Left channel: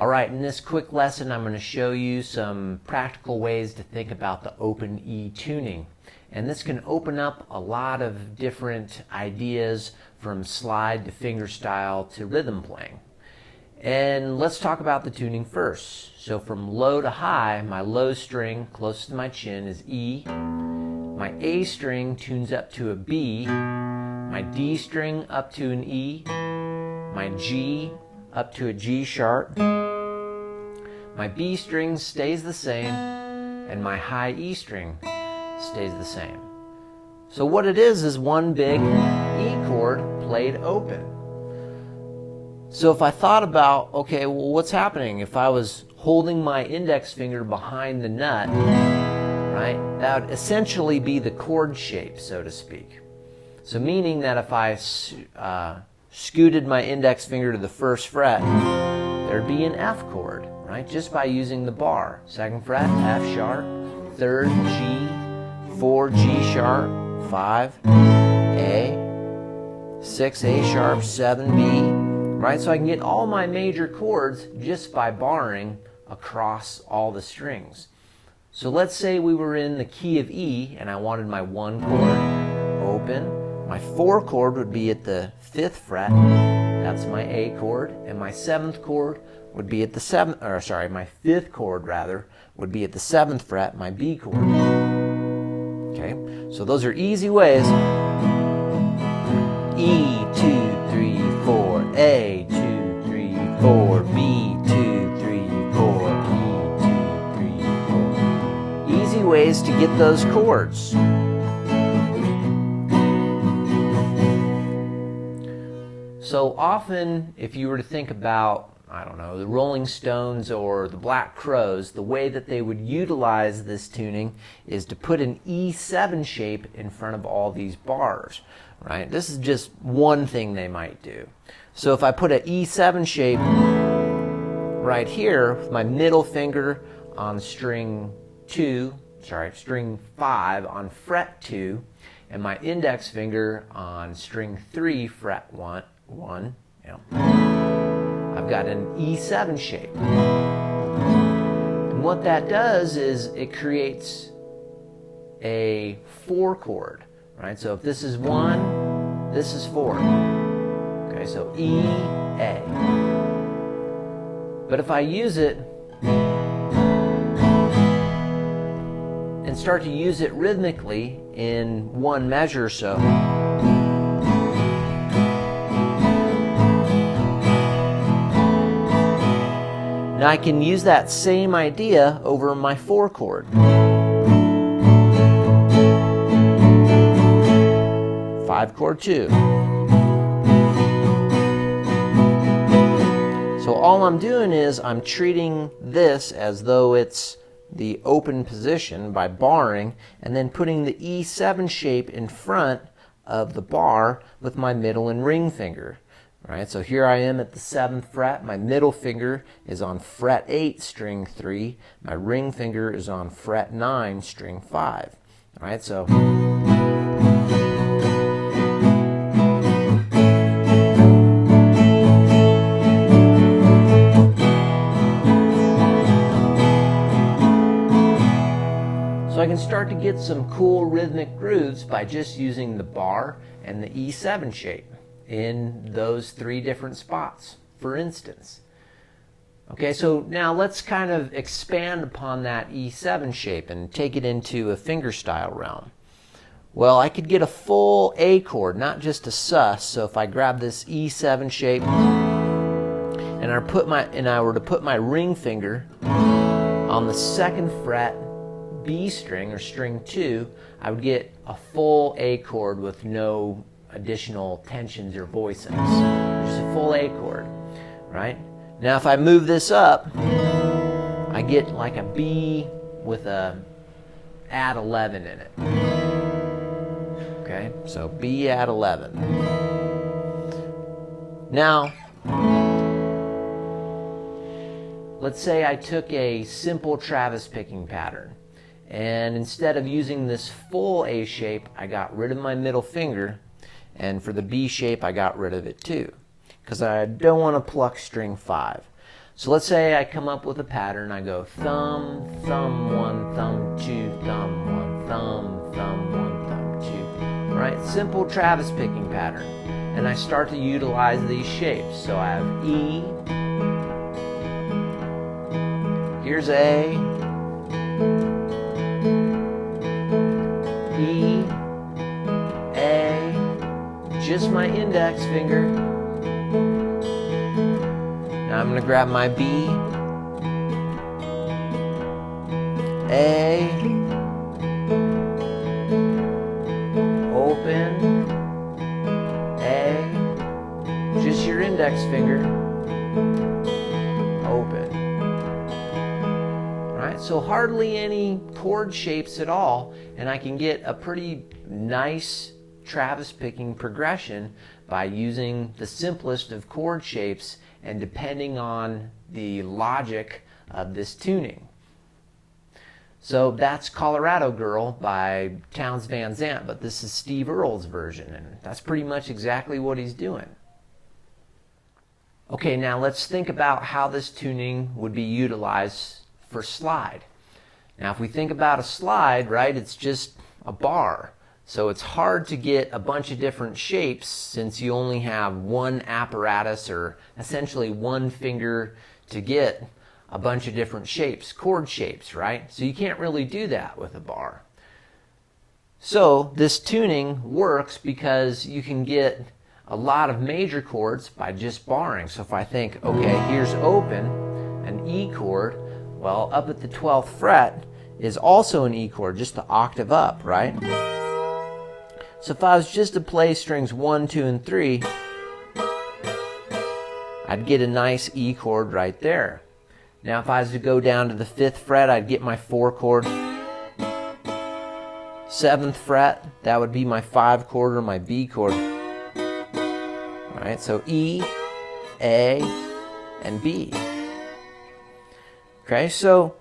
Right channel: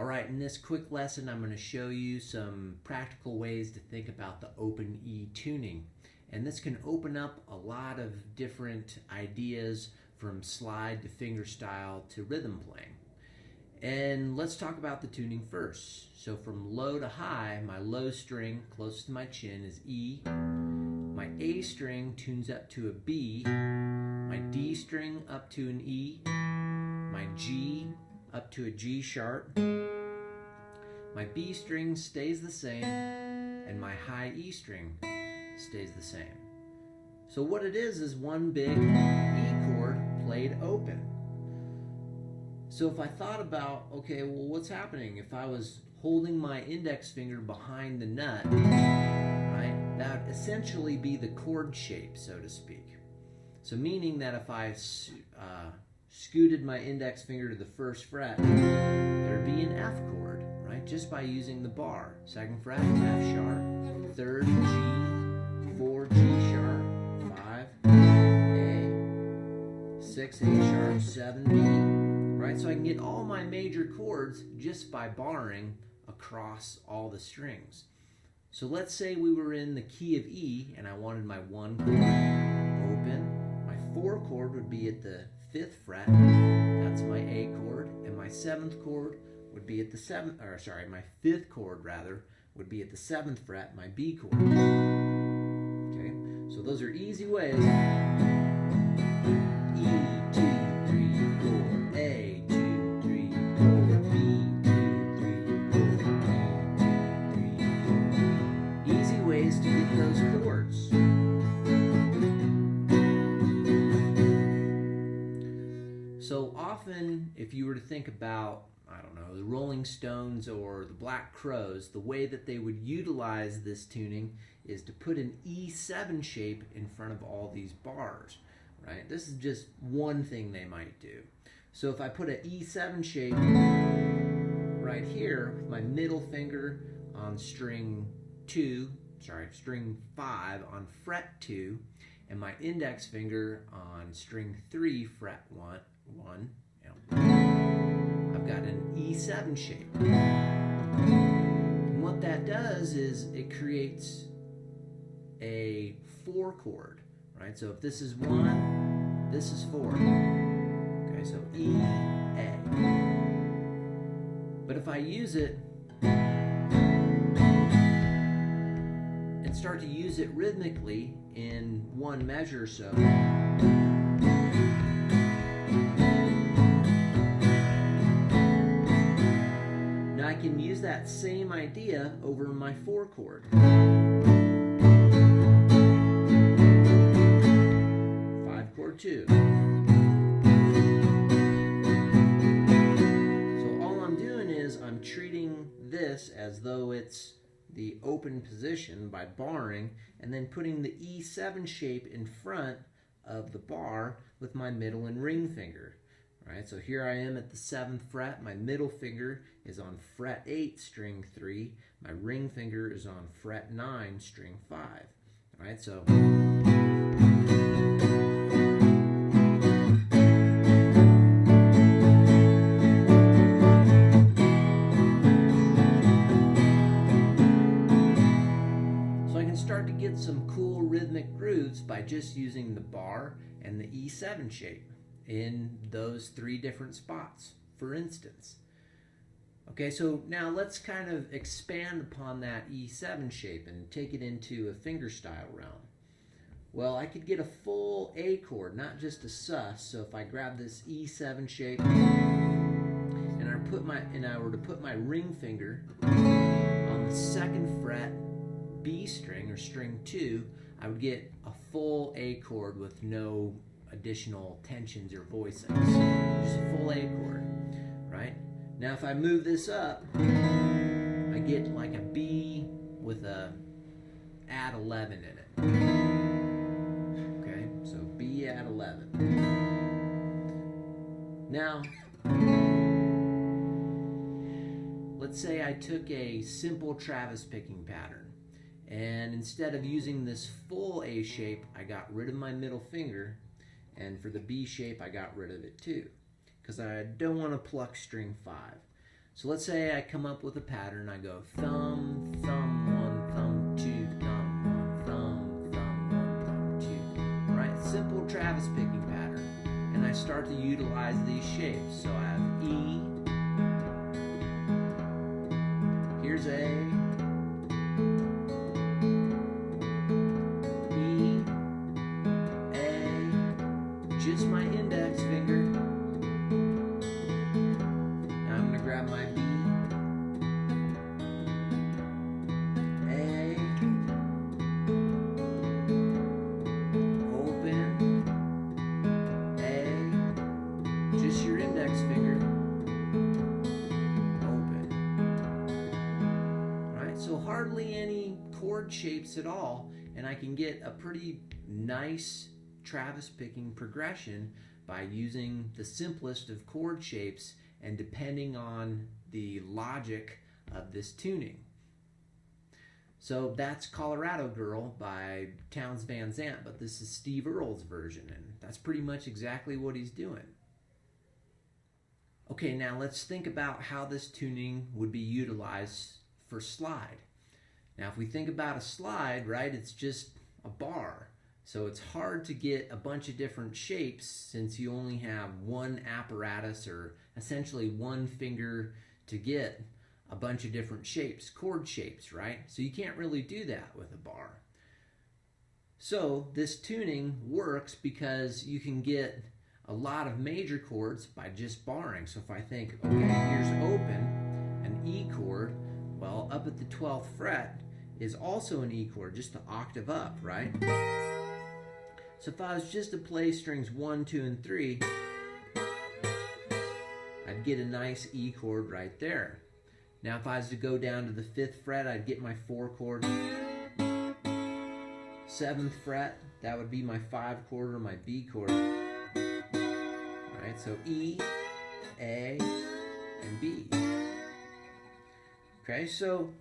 All right, in this quick lesson, I'm going to show you some practical ways to think about the open E tuning. And this can open up a lot of different ideas from slide to fingerstyle to rhythm playing. And let's talk about the tuning first. So from low to high, my low string closest to my chin is E. My A string tunes up to a B. My D string up to an E. My G up to a G sharp. My B string stays the same, and my high E string stays the same. So what it is one big E chord played open. So if I thought about, okay, well, what's happening if I was holding my index finger behind the nut, right? That would essentially be the chord shape, so to speak. So meaning that if I scooted my index finger to the first fret, there'd be an F chord, right? Just by using the bar. Second fret, F sharp, third, G, 4, G sharp, 5, A, 6, A sharp, 7, B. Right, so I can get all my major chords just by barring across all the strings. So let's say we were in the key of E and I wanted my 1 chord open. My 4 chord would be at the 5th fret. That's my A chord. And my 7th chord would be at the my 5th chord rather would be at the 7th fret, my B chord. Okay, so those are easy ways. E, 2, 3, 4, A, 2, 3, 4, B, 2, 3, 4, B, 2, 3, 4. Easy ways to get those chords. So often, if you were to think about, I don't know, the Rolling Stones or the Black Crowes, the way that they would utilize this tuning is to put an E7 shape in front of all these bars. Right? This is just one thing they might do. So if I put an E7 shape right here, with my middle finger on string 5 on fret 2, and my index finger on string 3, fret 1, I've got an E7 shape. And what that does is it creates a 4 chord. Right, so if this is 1, this is 4. Okay, so E, A. But if I use it and start to use it rhythmically in one measure, so now I can use that same idea over my 4 chord. 5 chord 2. So all I'm doing is I'm treating this as though it's the open position by barring and then putting the E7 shape in front of the bar with my middle and ring finger. Right? So here I am at the 7th fret. My middle finger is on fret 8, string 3. My ring finger is on fret 9, string 5. All right, so I can start to get some cool rhythmic grooves by just using the bar and the E7 shape in those 3 different spots, for instance. Okay, so now let's kind of expand upon that E7 shape and take it into a fingerstyle realm. Well, I could get a full A chord, not just a sus. So if I grab this E7 shape and I were to put my ring finger on the 2nd fret B string or string 2, I would get a full A chord with no additional tensions or voicings. Just a full A chord, right? Now if I move this up, I get like a B with a add 11 in it. Okay, so B add 11. Now, let's say I took a simple Travis picking pattern. And instead of using this full A shape, I got rid of my middle finger. And for the B shape, I got rid of it too. Because I don't want to pluck string 5. So let's say I come up with a pattern. I go thumb, thumb, one, thumb, two, thumb, one, thumb, thumb, one, thumb, two. Right? Simple Travis picking pattern. And I start to utilize these shapes. So I have E, here's A, E, A, just my index finger. Now I'm going to grab my B, A, open, A, just your index finger, open. Alright, so hardly any chord shapes at all, and I can get a pretty nice Travis picking progression by using the simplest of chord shapes and depending on the logic of this tuning. So that's Colorado Girl by Townes Van Zandt, but this is Steve Earle's version, and that's pretty much exactly what he's doing. Okay, now let's think about how this tuning would be utilized for slide. Now if we think about a slide, right, it's just a bar. So it's hard to get a bunch of different shapes since you only have one apparatus or essentially one finger to get a bunch of different shapes, chord shapes, right? So you can't really do that with a bar. So this tuning works because you can get a lot of major chords by just barring. So if I think, okay, here's open, an E chord, well, up at the 12th fret is also an E chord, just the octave up, right? So if I was just to play strings 1, 2, and 3, I'd get a nice E chord right there. Now if I was to go down to the 5th fret, I'd get my 4 chord. 7th fret, that would be my 5 chord or my B chord. Alright, so E, A, and B. Okay, so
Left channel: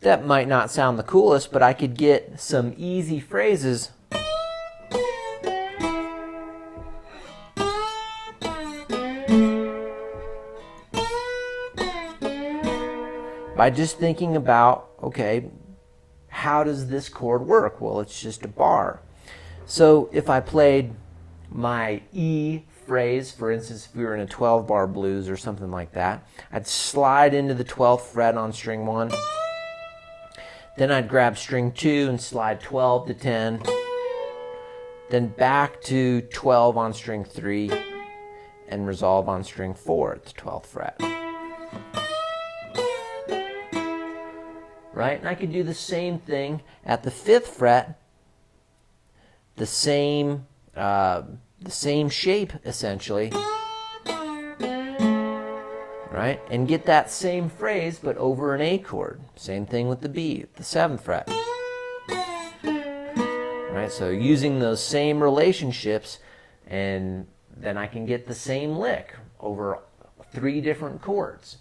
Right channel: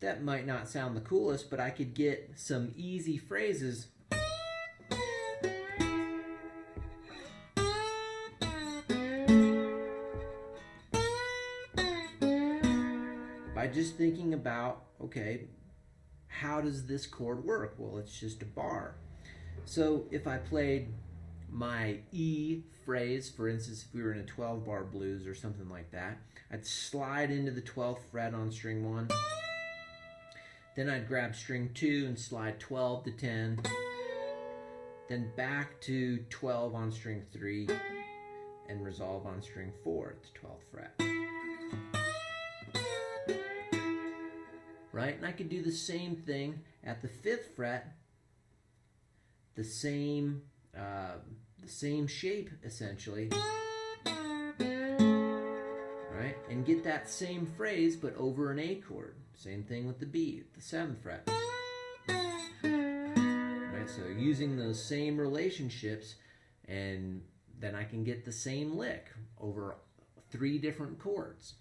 that might not sound the coolest, but I could get some easy phrases by just thinking about, okay, how does this chord work? Well, it's just a bar. So if I played my E phrase, for instance, if we were in a 12-bar blues or something like that, I'd slide into the 12th fret on string 1. Then I'd grab string 2 and slide 12 to 10. Then back to 12 on string 3 and resolve on string 4 at the 12th fret. Right? And I could do the same thing at the 5th fret, the same shape essentially. Right? And get that same phrase but over an A chord. Same thing with the B, the 7th fret. Right? So using those same relationships, and then I can get the same lick over 3 different chords.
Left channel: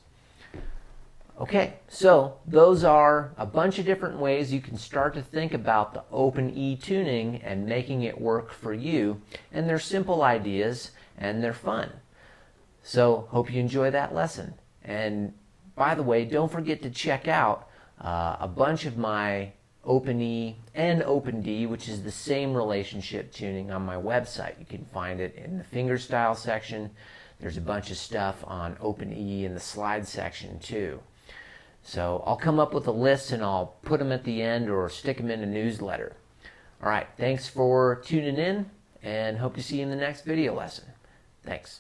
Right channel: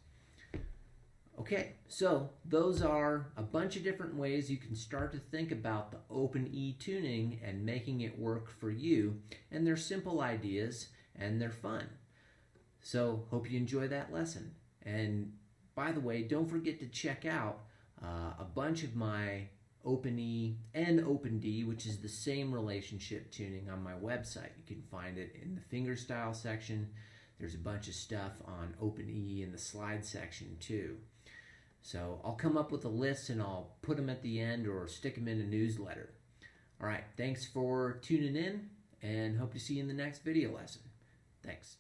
Okay, so those are a bunch of different ways you can start to think about the open E tuning and making it work for you. And they're simple ideas and they're fun. So hope you enjoy that lesson. And by the way, don't forget to check out a bunch of my open E and open D, which is the same relationship tuning, on my website. You can find it in the fingerstyle section. There's a bunch of stuff on open E in the slide section too. So I'll come up with a list and I'll put them at the end or stick them in a newsletter. All right, thanks for tuning in and hope to see you in the next video lesson. Thanks.